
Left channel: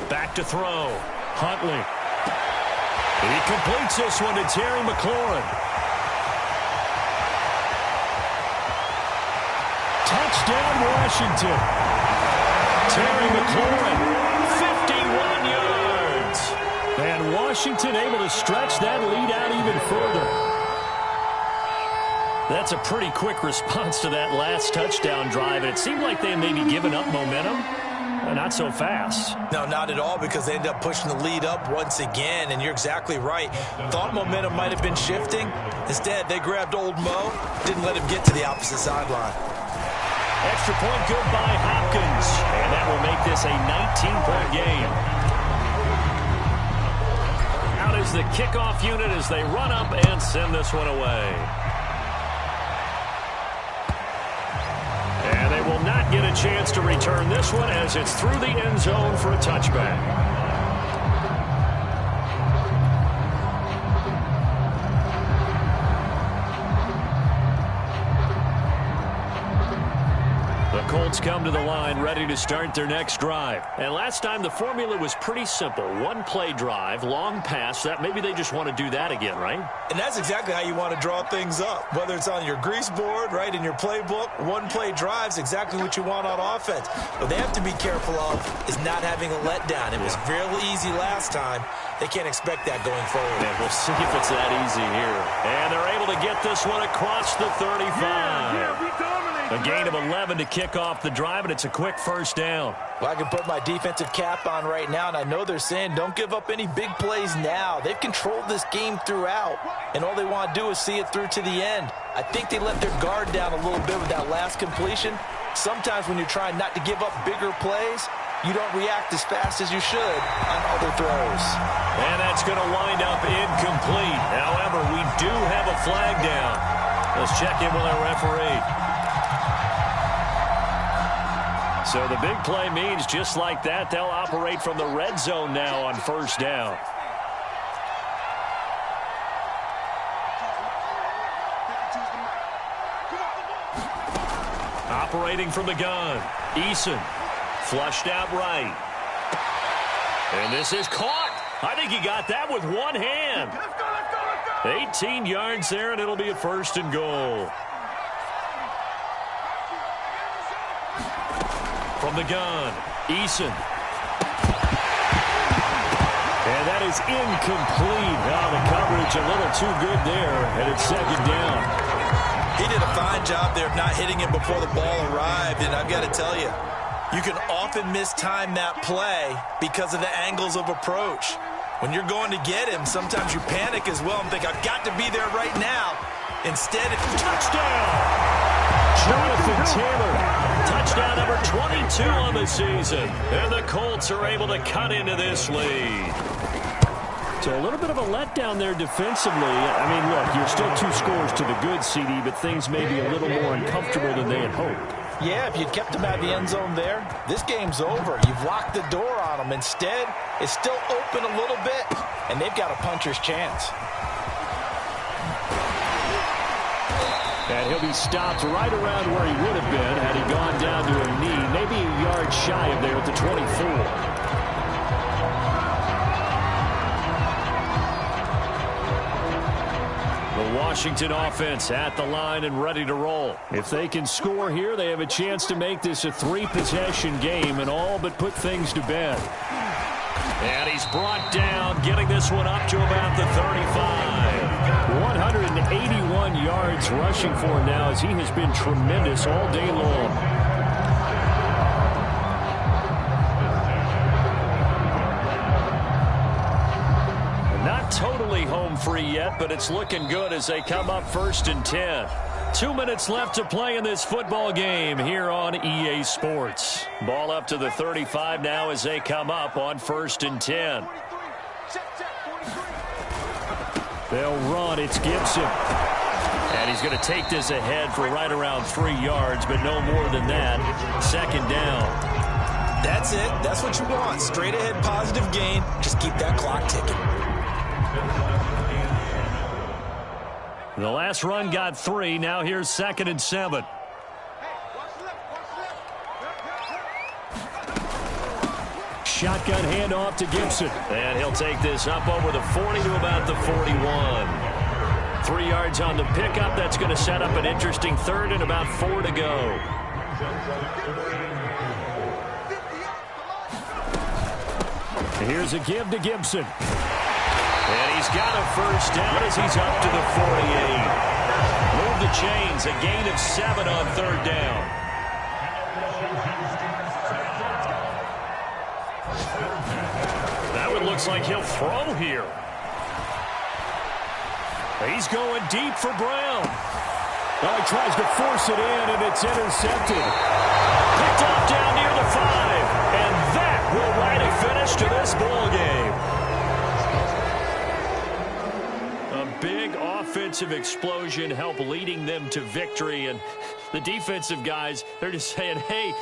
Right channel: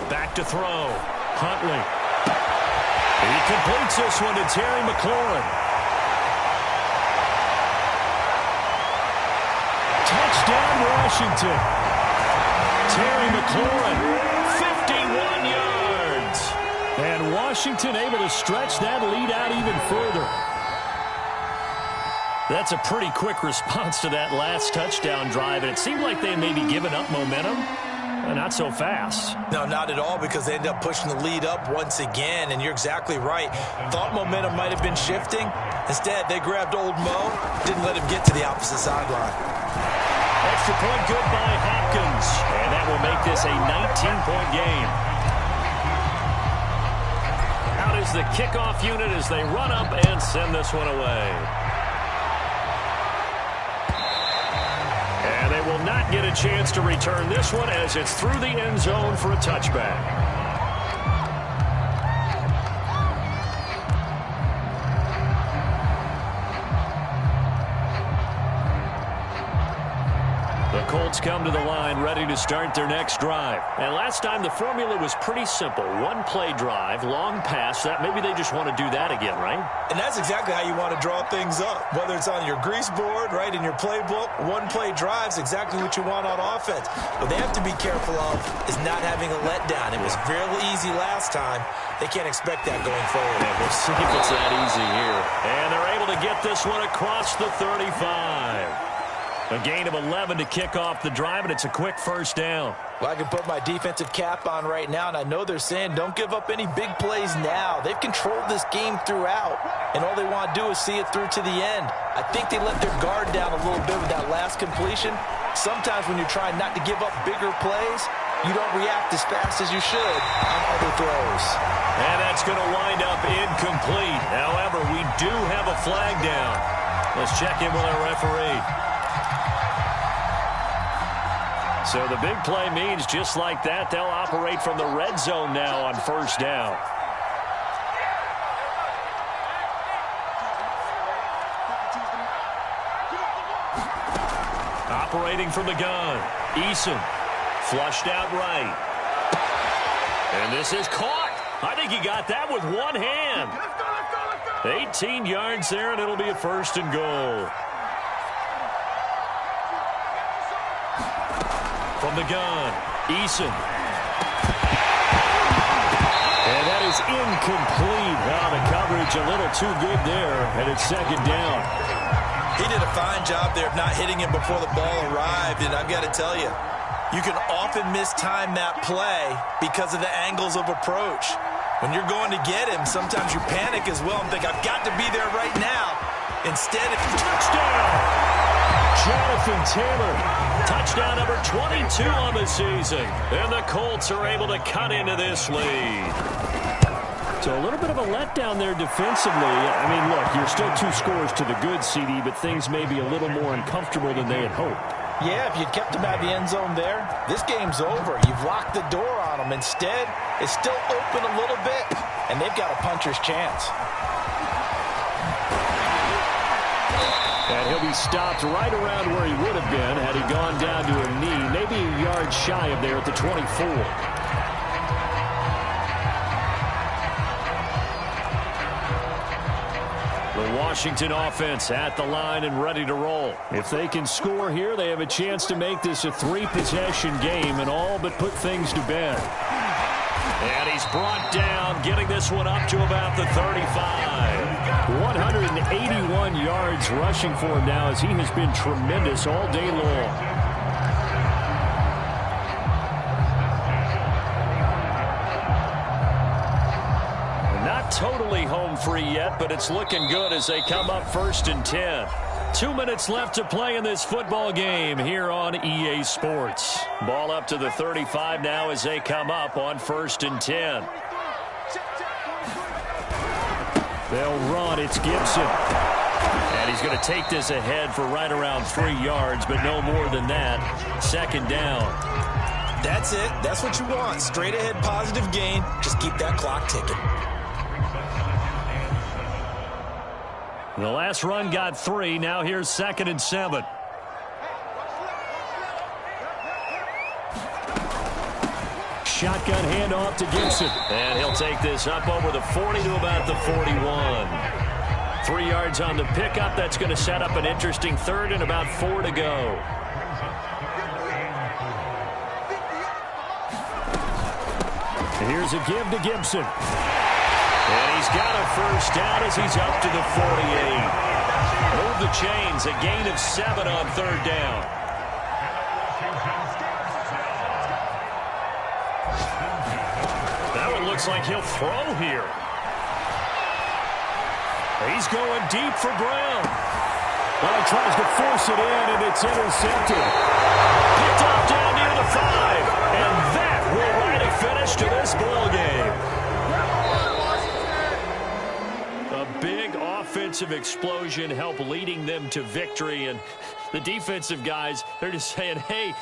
Back to throw. Huntley. He completes this one to Terry McLaurin. Touchdown, Washington. Terry McLaurin, 51 yards. And Washington able to stretch that lead out even further. That's a pretty quick response to that last touchdown drive. And it seemed like they may be giving up momentum. Not so fast. No, not at all, because they ended up pushing the lead up once again, and you're exactly right. Thought momentum might have been shifting. Instead, they grabbed old Mo, didn't let him get to the opposite sideline. Extra point good by Hopkins, and that will make this a 19-point game. Out is the kickoff unit as they run up and send this one away. And they will not get a chance to return this one as it's through the end zone for a touchback. The Colts come to the line ready to start their next drive. And last time the formula was pretty simple. One play drive, long pass. That maybe they just want to do that again, right? And that's exactly how you want to draw things up. Whether it's on your grease board, right, in your playbook, one play drive's exactly what you want on offense. What they have to be careful of is not having a letdown. It was fairly easy last time. They can't expect that going forward. Yeah, we'll see if it's that easy here. And they're able to get this one across the 35. A gain of 11 to kick off the drive, and it's a quick first down. Well, I can put my defensive cap on right now, and I know they're saying don't give up any big plays now. They've controlled this game throughout, and all they want to do is see it through to the end. I think they let their guard down a little bit with that last completion. Sometimes when you're trying not to give up bigger plays, you don't react as fast as you should on other throws. And that's going to wind up incomplete. However, we do have a flag down. Let's check in with our referee. So the big play means just like that, they'll operate from the red zone now on first down. Operating from the gun. Eason flushed out right. And this is caught. I think he got that with one hand. 18 yards there, and it'll be a first and goal. From the gun, Eason. And that is incomplete. Now the coverage a little too good there, and it's second down. He did a fine job there of not hitting him before the ball arrived, and I've got to tell you, you can often mistime that play because of the angles of approach. When you're going to get him, sometimes you panic as well and think, I've got to be there right now. Instead, it's touchdown! Jonathan Taylor, touchdown number 22 on the season. And the Colts are able to cut into this lead. So a little bit of a letdown there defensively. I mean, look, you're still 2 scores to the good, CD, but things may be a little more uncomfortable than they had hoped. Yeah, if you'd kept them out of the end zone there, this game's over. You've locked the door on them. Instead, it's still open a little bit, and they've got a puncher's chance. And he'll be stopped right around where he would have been had he gone down to a knee, maybe a yard shy of there at the 24. The Washington offense at the line and ready to roll. If they can score here, they have a chance to make this a 3-possession game and all but put things to bed. And he's brought down, getting this one up to about the 35. 181 yards rushing for him now as he has been tremendous all day long. Not totally home free yet, but it's looking good as they come up 1st and 10. 2 minutes left to play in this football game here on EA Sports. Ball up to the 35 now as they come up on 1st and 10. They'll run. It's Gibson. And he's going to take this ahead for right around 3 yards, but no more than that. Second down. That's it. That's what you want. Straight ahead, positive gain. Just keep that clock ticking. The last run got 3. Now here's 2nd and 7. Shotgun handoff to Gibson. And he'll take this up over the 40 to about the 41. 3 yards on the pickup. That's going to set up an interesting 3rd and about 4 to go. Here's a give to Gibson. And he's got a first down as he's up to the 48. Move the chains. A gain of 7 on 3rd down. That one looks like he'll throw here. He's going deep for Brown. Well, he tries to force it in, and it's intercepted. Picked off down near the 5. And that will write a finish to this ball game. A big offensive explosion helped leading them to victory. And the defensive guys, they're just saying, hey,